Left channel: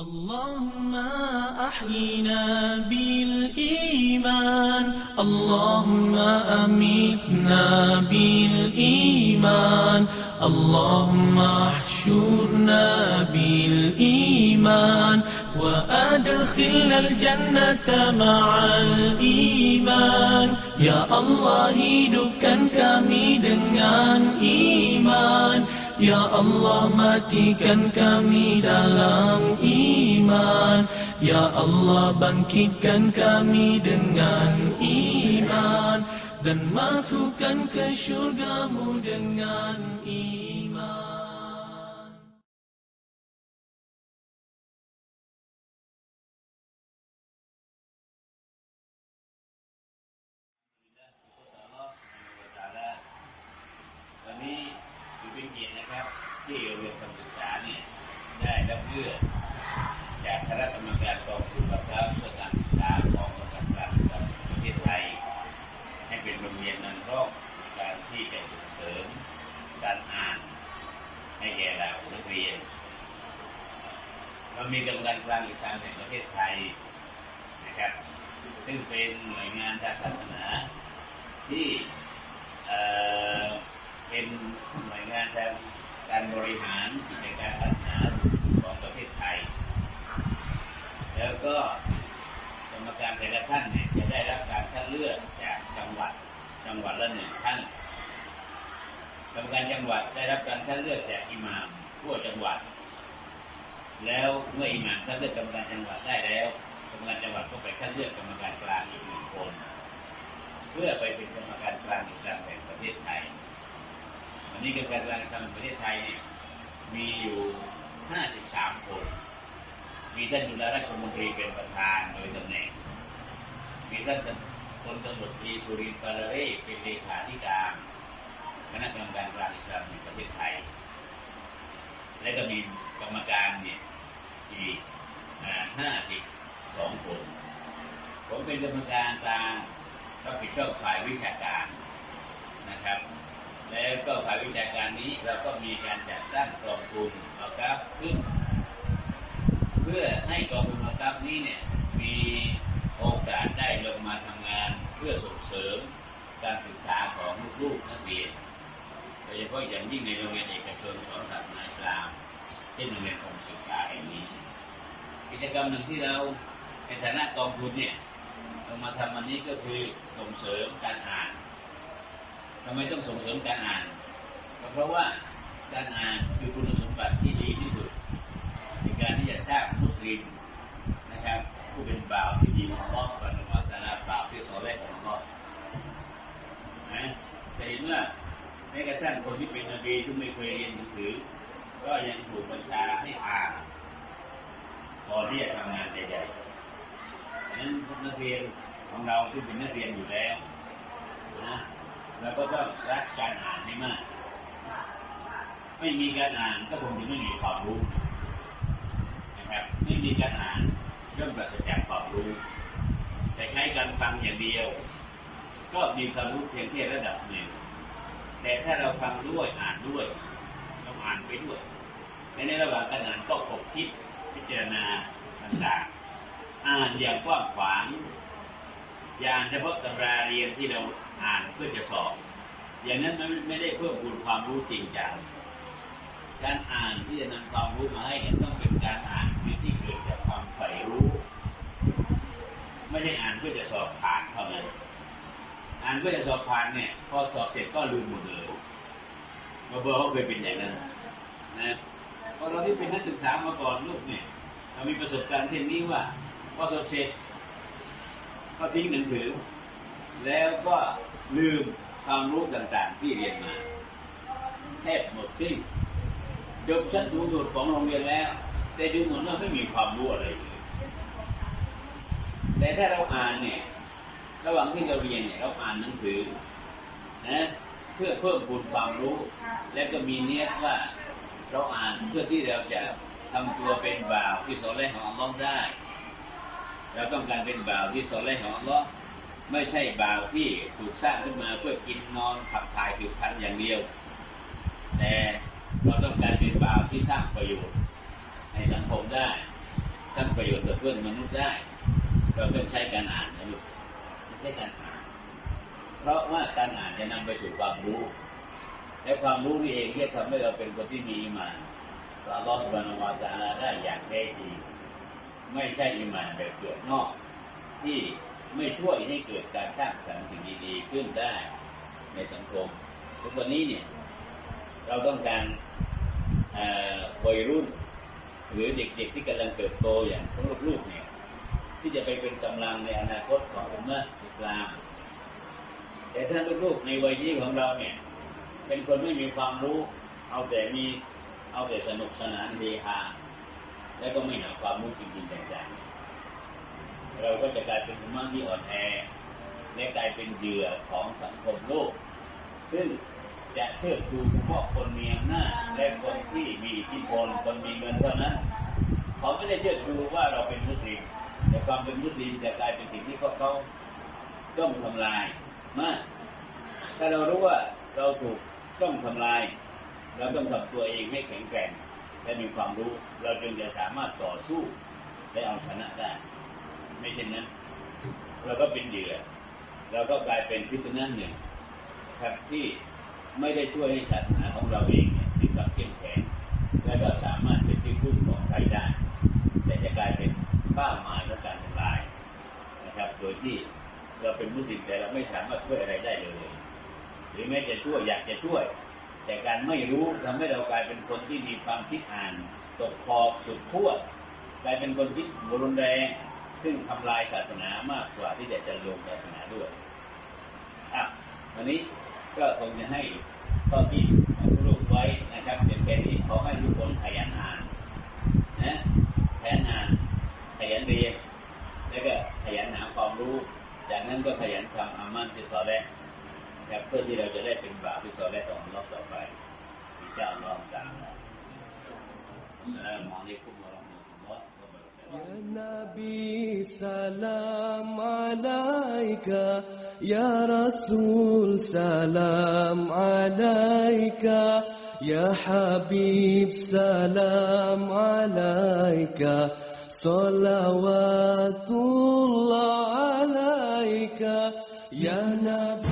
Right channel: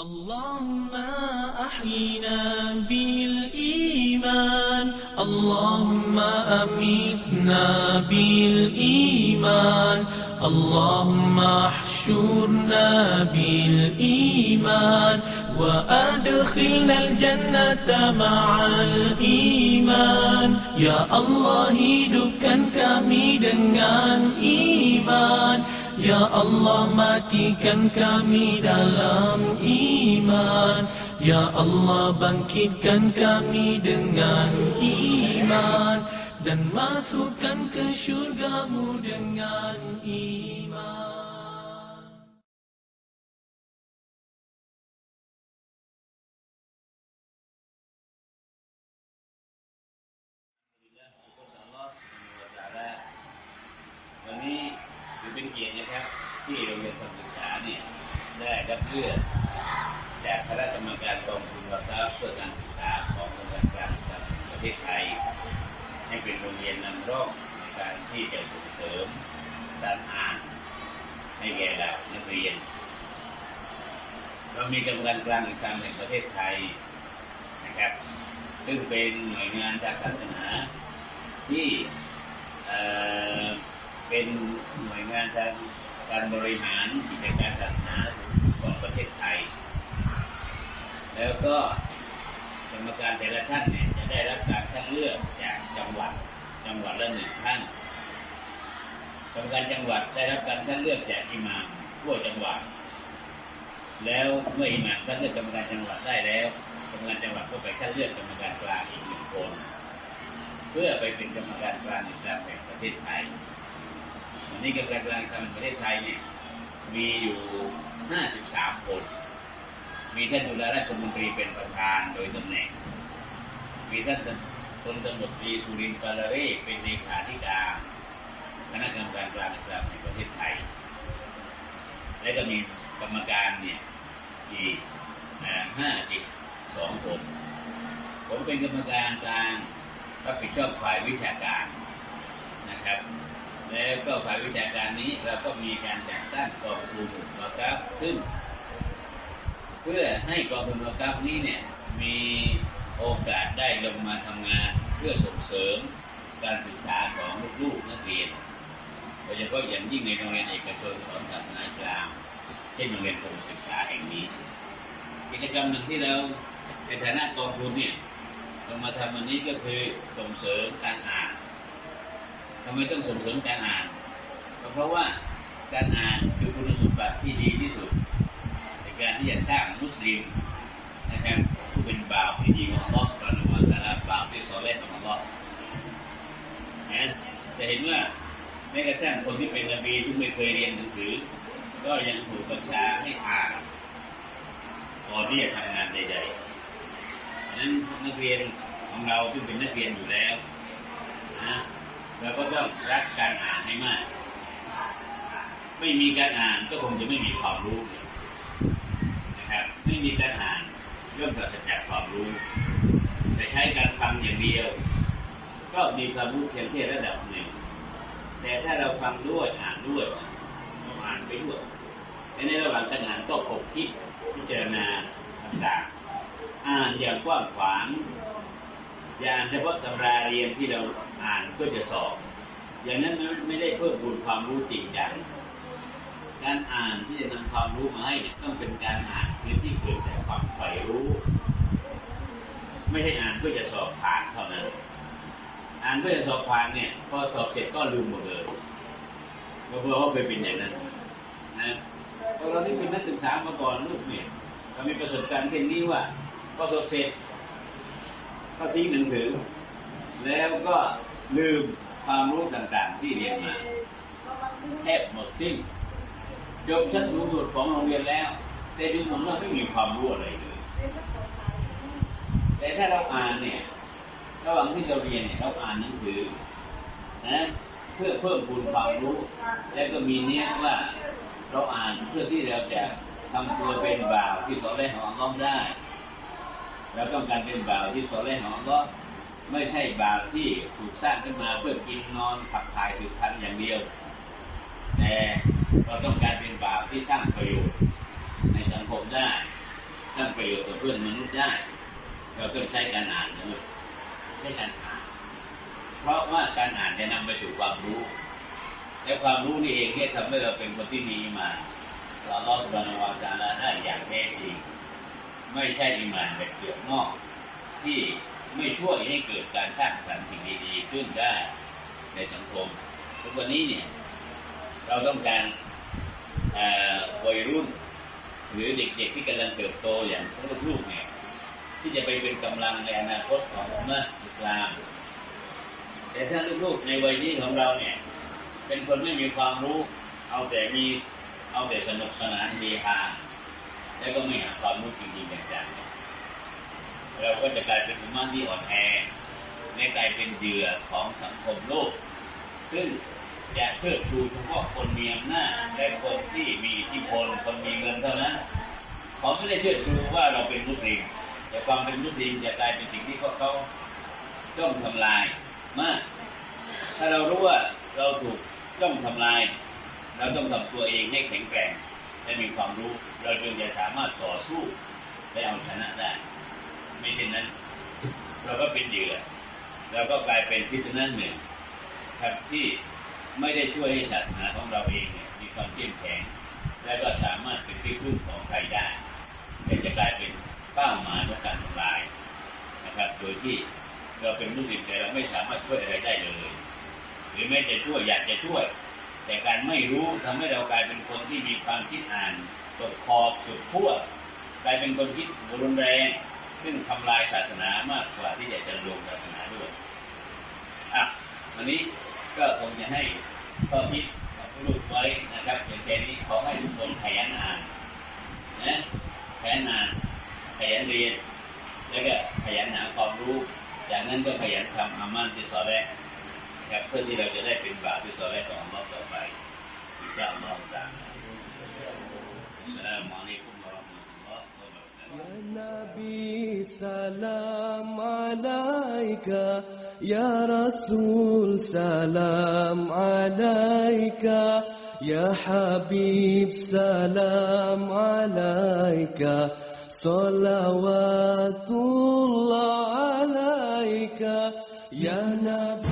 اللهم أحينا بالإيمان. اللهم أميتنا بالإيمان. اللهم احشرنا بالإيمان. وأدخلنا الجنة مع الإيمان. يا الله hidupkan kami dengan Ya Allah matikan kami dalam iman. Ya Allah bangkitkan kami dengan iman. Dan masukkan ke syurgamu dengan iman ับที่โรงเรียนทำศึกษาเนี่ยได้รับเลือกจากคณะกรรมการกองทุนรับเพื่อการศึกษาของโรงเรียนกลางประเทศไทย ให้เป็นโรงเรียนนำร่องในการที่จะส่งเสริมการอ่านให้แก่เหล่านักเรียน เรามีกรรมการกลางอีกทางแห่งประเทศไทยนะครับ ซึ่งเป็นหน่วยงานทางศาสนาที่ เป็นหน่วยงานทางการบริหารกิจการศาสนาของประเทศไทย แล้วก็กรรมการแต่ละท่านเนี่ยจะได้รับการคัดเลือกจากจังหวัดจังหวัดละหนึ่งท่านกรรมการจังหวัดได้รับการคัดเลือกจากอิหม่ามทั่วจังหวัด แล้วเมื่ออิหม่ามคัดเลือกกรรมการจังหวัดได้แล้วกรรมการจังหวัดก็ไปคัดเลือกกรรมการกลางอีกหนึ่งคน เพื่อไปเป็นกรรมการกลางอิสลามแห่งประเทศไทย นี้กรรมการกลางอิสลามแห่งประเทศไทยเนี่ยมีอยู่ 53 คน มีท่านจุฬาราชมนตรีเป็นประธานโดยตำแหน่ง มีท่านพลตำรวจตรีสุรินทร์ปาลเร่เป็นเลขาธิการคณะกรรมการกลางอิสลามแห่งประเทศไทย และก็มีกรรมการเนี่ยอีกห้าสิบสองคน ผมเป็นกรรมการกลางรับผิดชอบฝ่ายวิชาการนะครับ แล้วก็ฝ่ายวิชาการนี้เราก็มีการจัดตั้งกองทุนเราครับขึ้น เพื่อให้กองทุนเราครับนี้เนี่ยมีโอกาสได้ลงมาทำงานเพื่อส่งเสริมการศึกษาของลูกๆนักเรียนโดยเฉพาะอย่างยิ่งในโรงเรียนเอกชนสอนศาสนาอิสลามเช่นโรงเรียนกรมศึกษาแห่งนี้ กิจกรรมหนึ่งที่เราในฐานะกองทุนเนี่ยเรามาทำวันนี้ก็คือส่งเสริมการอ่าน ทำไมต้องส่งเสริมการอ่านก็เพราะว่าการอ่านคือคุณสมบัติที่ดีที่สุด ในการที่จะสร้างมุสลิมนะครับผู้เป็นบ่าวที่ดีของอัลลอฮฺสุบานะฮูวะตาลาบ่าวที่สอนแรกของอัลลอฮฺนะจะเห็นว่าแม้กระทั่งคนที่เป็นนบีที่ไม่เคยเรียนหนังสือ ก็ยังถูกบัญชาให้อ่านก่อนที่จะทำงานใดๆดังนั้นนักเรียนของเราที่เป็นนักเรียนอยู่แล้ว เราก็ต้องรักการอ่านให้มาก ไม่มีการอ่านก็คงจะไม่มีความรู้นะครับ ไม่มีการอ่านย่อมปราศจากความรู้ แต่ใช้การฟังอย่างเดียว ก็มีความรู้เพียงแค่ระดับหนึ่ง แต่ถ้าเราฟังด้วยอ่านด้วยต้องอ่านไปด้วยในระหว่างการอ่านก็คบคิดพิจารณาต่างๆอ่านอย่างกว้างขวาง อย่าอ่านเฉพาะตำราเรียนที่เราอ่านเพื่อจะสอบ อย่างนั้นไม่ไม่ได้เพิ่มพูนความรู้จริงจัง การอ่านที่จะนำความรู้มาให้เนี่ยต้องเป็นการอ่านที่เกิดจากความใฝ่รู้ ไม่ใช่อ่านเพื่อจะสอบผ่านเท่านั้น อ่านเพื่อจะสอบผ่านเนี่ยพอสอบเสร็จก็ลืมหมดเลยเบอร์ว่าเคยเป็นอย่างนั้นนะพราะเราที่เป็นนักศึกษามาก่อนลูกเนี่ยเรามีประสบการณ์เช่นนี้ว่าพอสอบเสร็จ ก็ทิ้งหนังสือ แล้วก็ลืมความรู้ต่างๆ ที่เรียนมาแทบหมดสิ้นจบชั้นสูงสุดของโรงเรียนแล้ว แต่ดูเหมือนว่าไม่มีความรู้อะไรเลยแต่ถ้าเราอ่านเนี่ยระหว่างที่เราเรียนเนี่ยเราอ่านหนังสือนะเพื่อเพิ่มพูนความรู้ และก็มีเนี้ยว่าเราอ่านเพื่อที่เราจะทำตัวเป็นบ่าวที่สอนแรกของอัลลอฮ์ได้ เราต้องการเป็นบ่าวที่สอนแรกของอัลลอฮ์ไม่ใช่บ่าวที่ถูกสร้างขึ้นมาเพื่อกินนอนขับถ่ายสืบพันธุ์อย่างเดียว แต่เราต้องการเป็นบ่าวที่สร้างประโยชน์ ในสังคมได้ สร้างประโยชน์ต่อเพื่อนมนุษย์ได้ เราต้องใช้การอ่านนะลูกใช้การอ่าน เพราะว่าการอ่านจะนำไปสู่ความรู้ และความรู้นี่เองที่ทำให้เราเป็นคนที่มีมานต่ออัลอสบานวะตะอาลาได้อย่างแท้จริง ไม่ใช่อีหมานแบบเปลือกนอก ที่ไม่ช่วยให้เกิดการสร้างสรรค์สิ่งดีๆขึ้นได้ในสังคมทุกวันนี้เนี่ยเราต้องการวัยรุ่น หรือเด็กๆที่กำลังเติบโตอย่างพวกลูกๆเนี่ยที่จะไปเป็นกำลังในอนาคตของอุมมะฮ์อิสลาม แต่ถ้าลูกๆในวัยนี้ของเราเนี่ย เป็นคนไม่มีความรู้ เอาแต่มีเอาแต่สนุกสนานเฮฮา แล้วก็ไม่หาความรู้จริงๆจังๆเนี่ยเราก็จะกลายเป็นอุมมะที่อ่อนแอและกลายเป็นเหยื่อของสังคมโลก ซึ่งจะเชิดชูเฉพาะคนมีอำนาจและคนที่มีอิทธิพลคนมีเงินเท่านั้นเขาไม่ได้เชิดชูว่าเราเป็นมุสลิมแต่ความเป็นมุสลิมจะกลายเป็นสิ่งที่พวกเขาต้องทำลายมาก ถ้าเรารู้ว่าเราถูกต้องทำลาย เราต้องทำตัวเองให้แข็งแกร่ง และมีความรู้ เราจึงจะสามารถต่อสู้และเอาชนะได้ ไม่เช่นนั้น เราก็เป็นเหยื่อเราก็กลายเป็นพิษณะหนึ่งครับที่ไม่ได้ช่วยให้ศาสนาของเราเองเนี่ยมีความเข้มแข็งและก็สามารถเป็นที่พึ่งของใครได้ แต่จะกลายเป็นเป้าหมายของการทำลายนะครับ โดยที่เราเป็นมุสลิมแต่เราไม่สามารถช่วยอะไรได้เลย หรือแม้จะช่วยอยากจะช่วย แต่การไม่รู้ทำให้เรากลายเป็นคนที่มีความคิดอ่านตกขอบสุดขั้วกลายเป็นคนคิดรุนแรง ซึ่งทำลายศาสนามากกว่าที่จะจะลงศาสนาด้วยอะวันนี้ก็คงจะให้ข้อคิดของลูกไว้นะครับเพียงแค่นี้ขอให้ทุกคนขยันอ่านนะขยันอ่านขยันเรียน แล้วก็ขยันหาความรู้ จากนั้นก็ขยันทำอามันที่สอนแรกนะครับเพื่อที่เราจะได้เป็นบ่าวที่สอนแรกของอัลลอฮ์ต่อไป อินชาอัลลอฮ์ตามนะอัสสลามุอ